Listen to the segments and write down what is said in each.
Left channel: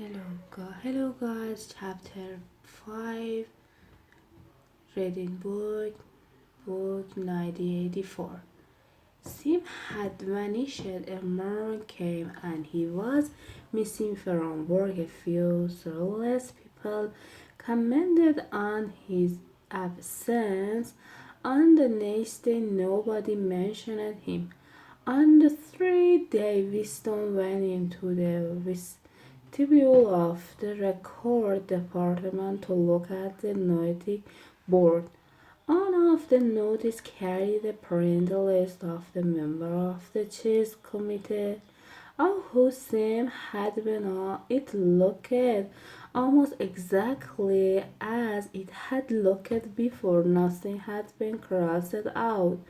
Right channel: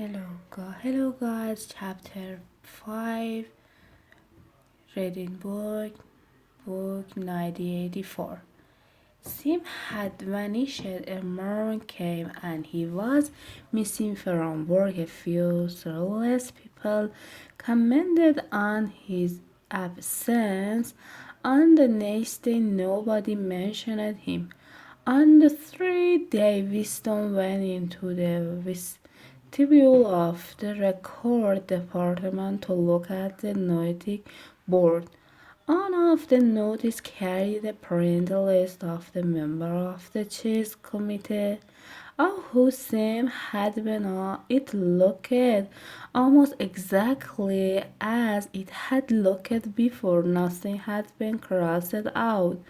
Hello guys, chapter 5, reading book 1984. Sim had vanished. A morning came and he was missing from work. A few soulless people commented on his absence. On the next day, nobody mentioned him. On the third day, Winston went into the vestibule of the record department to look at the notice board. One of the notices carried the print list of the member of the chess committee of whose name had been on. It looked almost exactly as it had looked before. Nothing had been crossed out.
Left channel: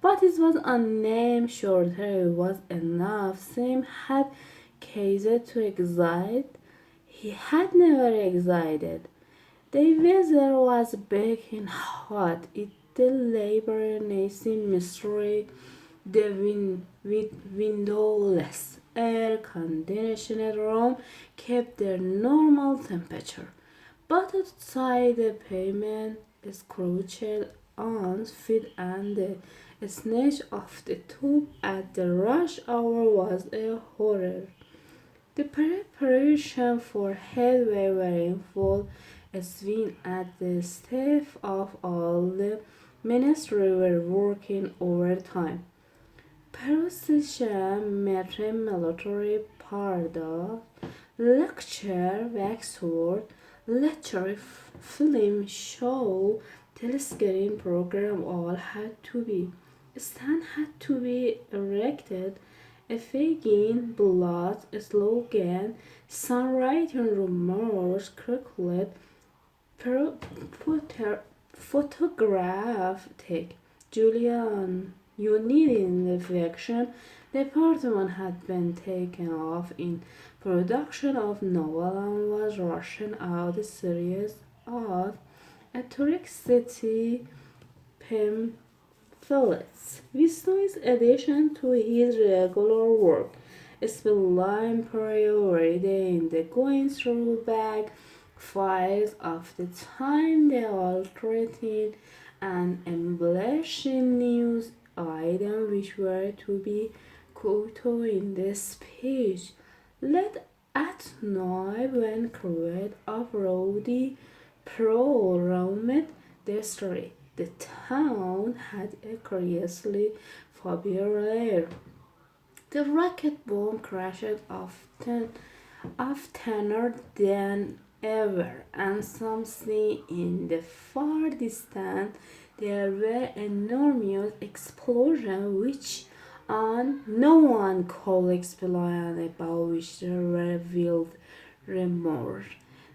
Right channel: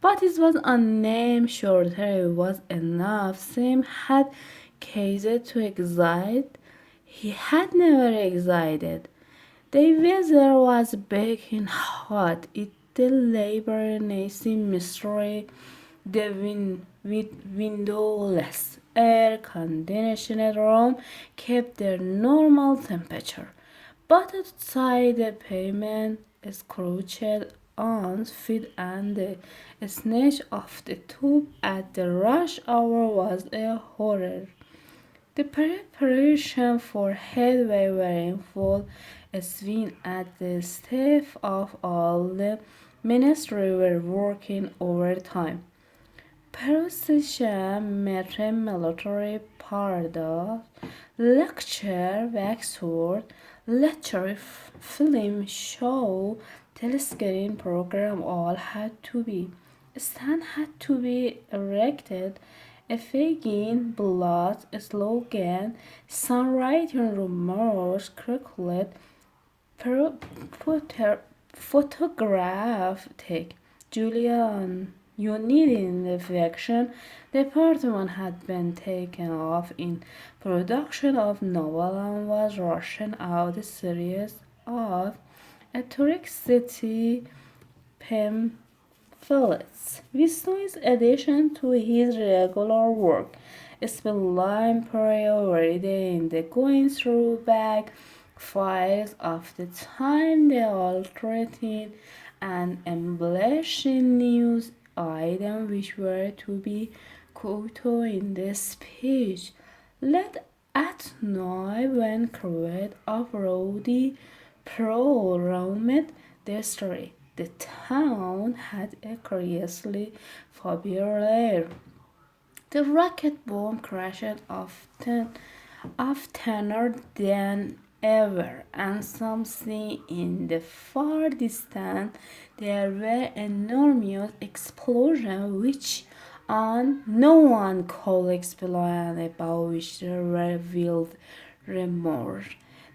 But it was a name shorter was enough. Sam had caused to excite. He had never excited. The weather was baking hot. It the labor-nasty mystery. The with windowless air-conditioned room kept their normal temperature. But outside the pavement scorched on feet and the stench of the tube at the rush hour was a horror. The preparation for headway were in full swing at the staff of all the ministry were working overtime. Procession, metre, military parade, lecture, waxwork, lecture, film, show, telescreen program all had to be. Stand had to be erected, a fagin, blood, slogan, songwriting rumors, calculate, photograph take. Julian, you need in the fiction department had been taken off in production of novel and was rushing out a series of atrocity pamphlets. Besides addition to his regular work, spent priority in the going through back files of the time, the altering and embellishing news items which were to be quoted in the speech. Let at night when crowd of rowdy prolonged the story. The town had a curiously foul air. The rocket bomb crashed oftener than ever, and something in the far distance there were enormous explosions which on no one could explain, about which there were wild rumors.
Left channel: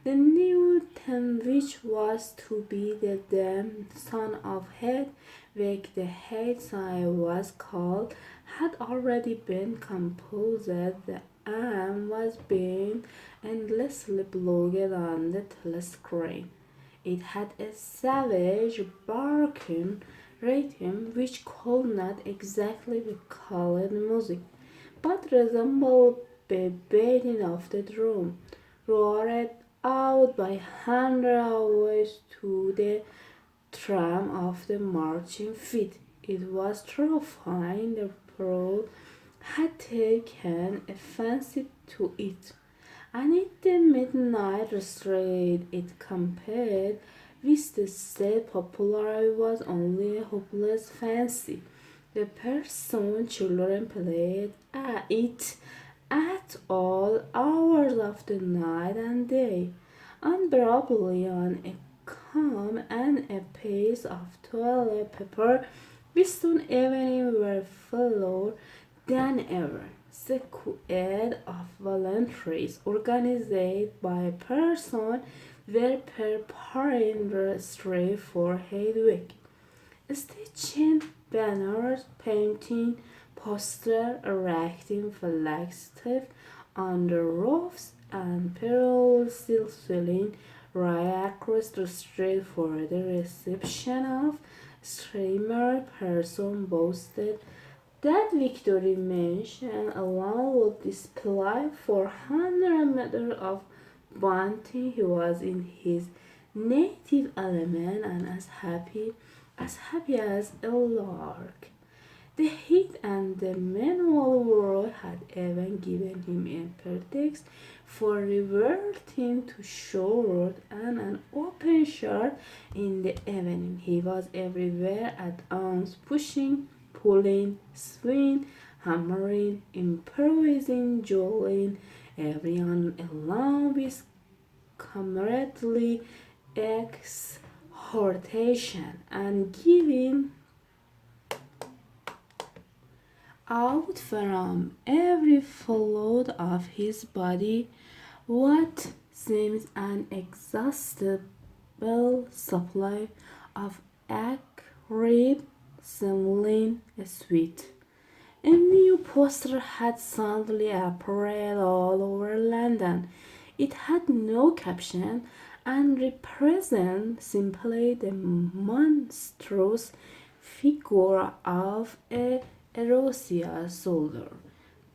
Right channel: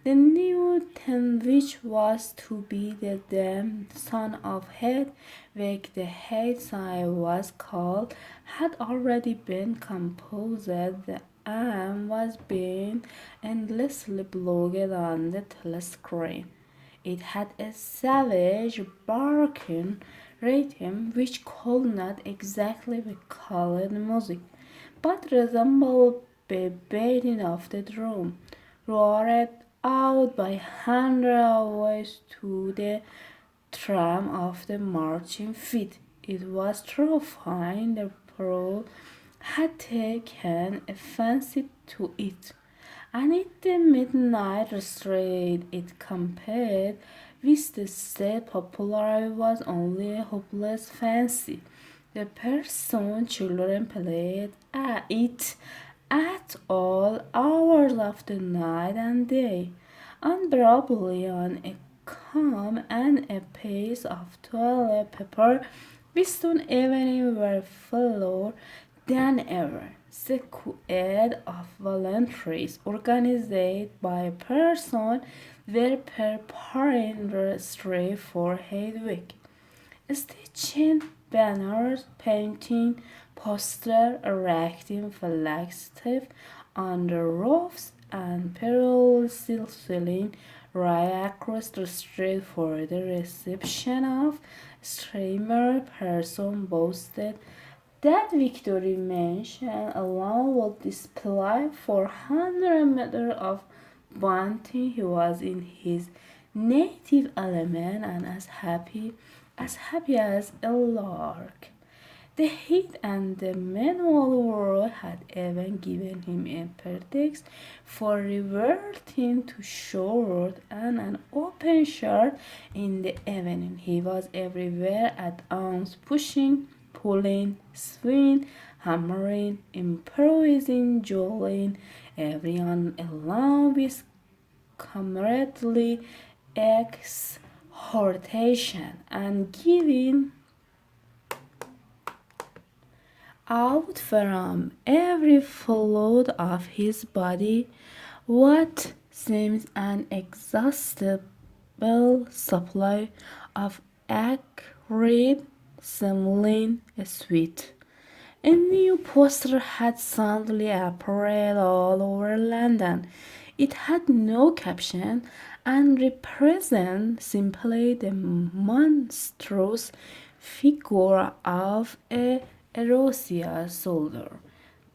The new town, which was to be the dam son of Hedwig the Headside was called, had already been composed. The am was being endlessly blogged on the telescreen. It had a savage barking rhythm which could not exactly be called music, but resembled the beating of the drum, roared out by hundreds of voices to the tram of the marching feet. It was terrifying. The Pearl had taken a fancy to it, and in the midnight street it compared with the state popular was only a hopeless fancy. The person children played at it at all hours of the night and day, unbearably on a calm and a pace of toilet paper. Western evening were fuller than ever. Squad of volunteers organized by person were preparing the street for Hedwig, stitching banners, painting posters, erecting flagstaffs on the roofs, and paralleling right across the street for the reception of streamer person boasted That victory mention alone would display 400 meters of bounty. He was in his native element and as happy as a lark. The heat and the manual world had even given him a pretext for reverting to short and an open shirt in the evening. He was everywhere at once, pushing, pulling, swinging, hammering, improvising, jolting, everyone along with comradely exhortation and giving out from every fluid of his body what seems an inexhaustible supply of acrid smelling sweet. A new poster had suddenly appeared all over London. It had no caption and represented simply the monstrous figure of a Erosia soldier.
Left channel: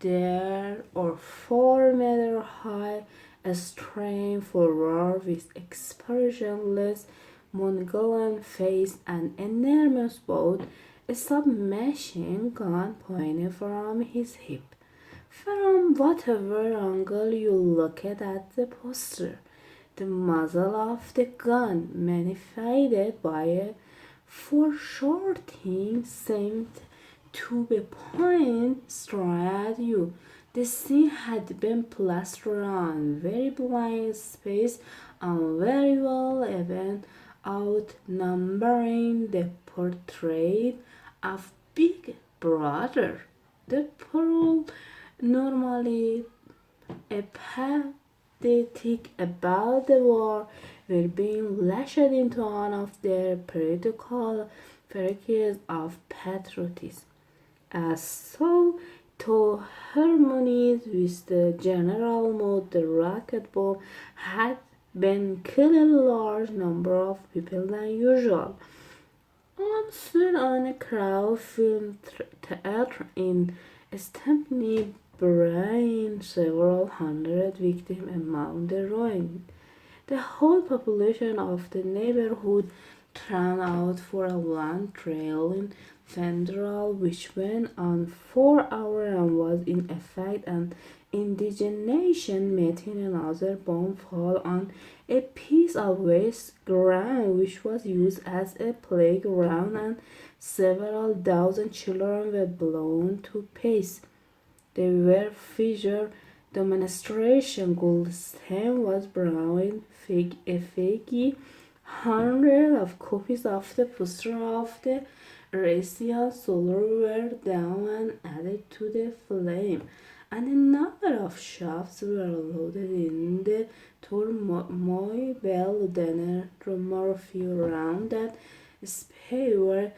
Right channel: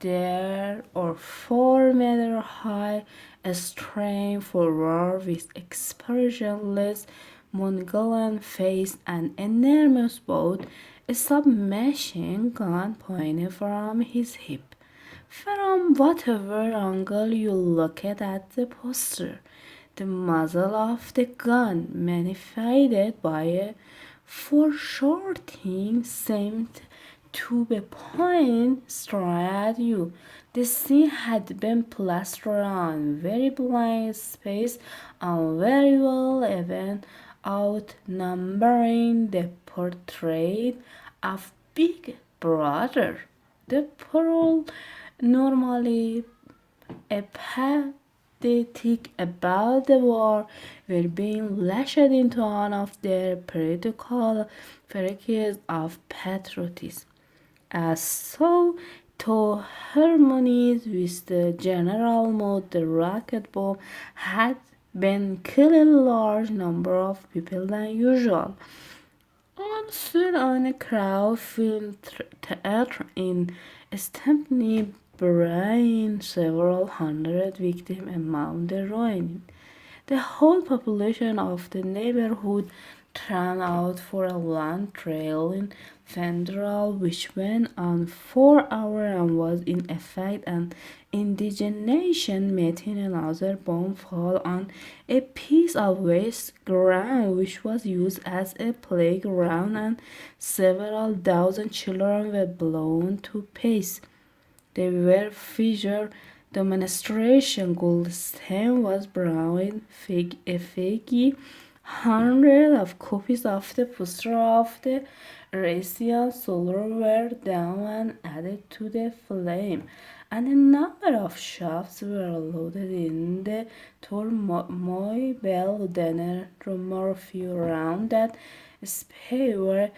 There are 4 meter high, strained forward with expressionless Mongolian face and enormous boat, a submachine gun pointed from his hip. From whatever angle you look at the poster, the muzzle of the gun, magnified by a foreshortening, seemed to be pointing straight at you. The scene had been plastered on very blank space and very well even outnumbering the portrait of Big Brother. The pearl normally apathetic about the war were being lashed into one of their political periods of patriotism, as so to harmonize with the general mood. The rocket bomb had been killing a large number of people than usual. Also on a crowd-filled theater in Stepney, buried several hundred victims among the ruins. The whole population of the neighborhood turned out for a long trailing funeral which went on for hours and was in effect an indignation meeting. Another bomb fell on a piece of waste ground which was used as a playground, and several dozen children were blown to pieces. They were featured demonstration. Goldstein was browing a figgy. Hundreds of copies of the poster of the Russian soldier were down and added to the flame, and a number of shots were loaded in the turmoil. Dinner Murphy around that space were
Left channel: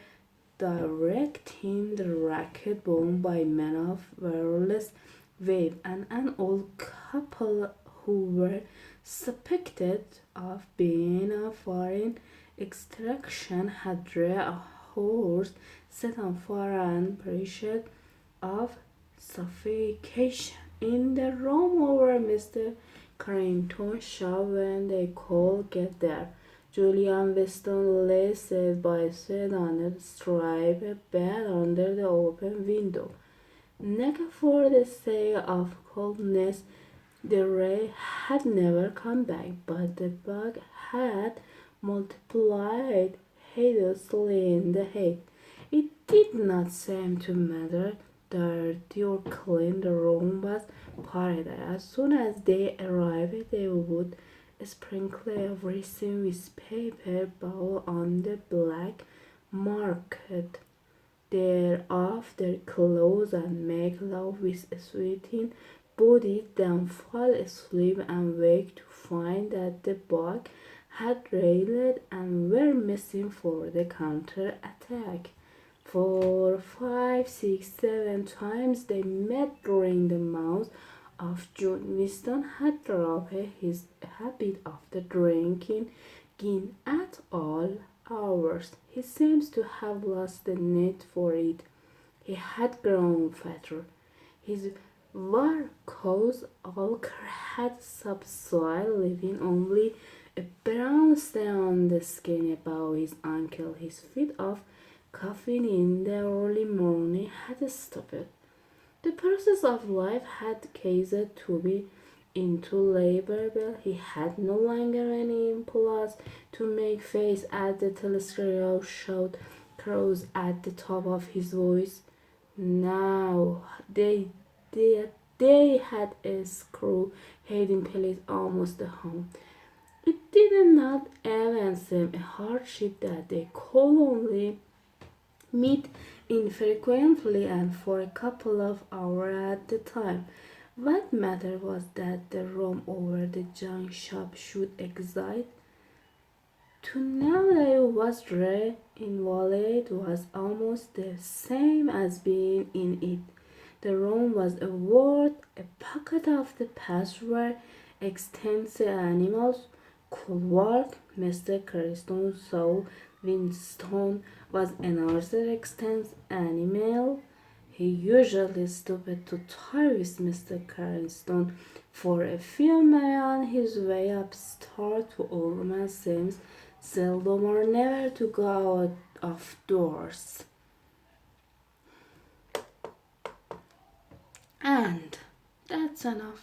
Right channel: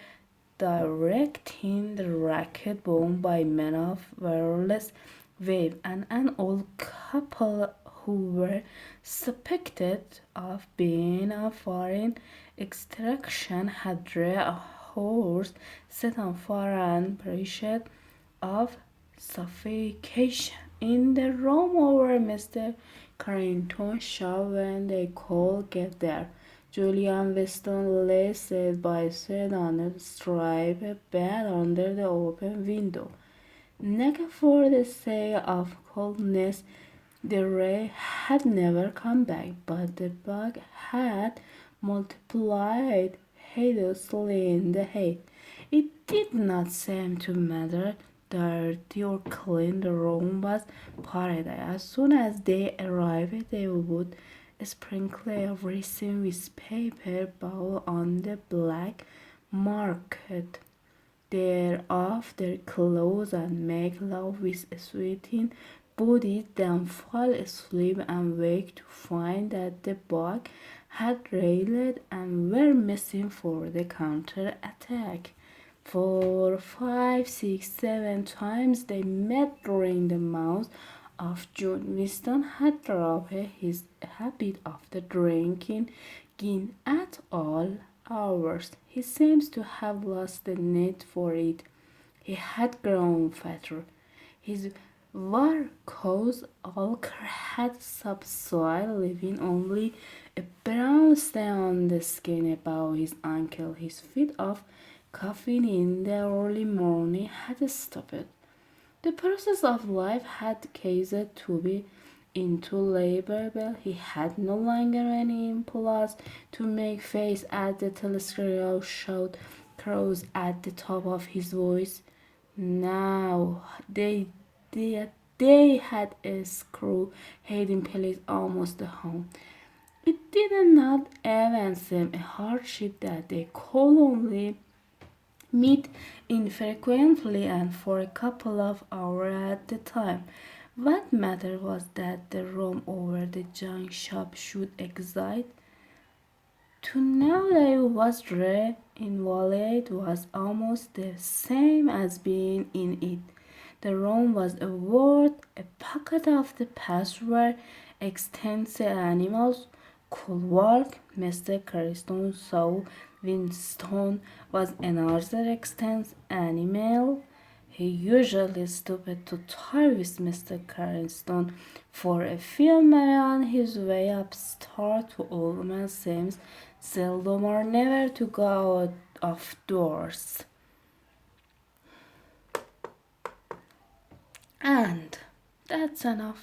directing the rocket bomb by men of wireless wave, and an old couple who were suspected of being of foreign extraction had drawn a horse set on fire and perished of suffocation in the room over Mr. Carrington's shop when they could get there. Julian Weston lay side by side on a striped bed under the open window. Naked for the sake of coldness, the ray had never come back, but the bug had multiplied hideously in the heat. It did not seem to matter dirty or clean. The room was paradise. As soon as they arrived, they would sprinkle everything with paper bowl on the black market thereof their clothes and make love with sweating bodies, then fall asleep and wake to find that the bug had railed and were missing for the counter attack. 4, 5, 6, 7 times they met during the month of June. Winston had dropped his habit of the drinking gin at all hours. He seems to have lost the need for it. He had grown fatter. His varicose ulcer had subsided, leaving only a brown stain on the skin above his ankle. His fit of coughing in the early morning had stopped. The process of life had ceased to be intolerable. He had no longer any impulse to make face at the telescope showed crows at the top of his voice. Now they, they had a screw hiding place almost home. It did not even seem a hardship that they could only meet infrequently and for a couple of hours at a time. What mattered was that the room over the junk shop should exist. To know that it was there invalid was almost the same as being in it. The room was a word, a pocket of the past where extensive animals could walk. Mr. Carston saw Winston was another extant animal. He usually stopped to talk with Mr. Carston for a few minutes on his way upstairs to Oldman Sims, seldom or never to go out of doors. And that's enough.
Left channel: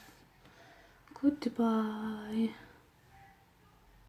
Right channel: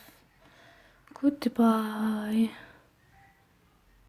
Goodbye.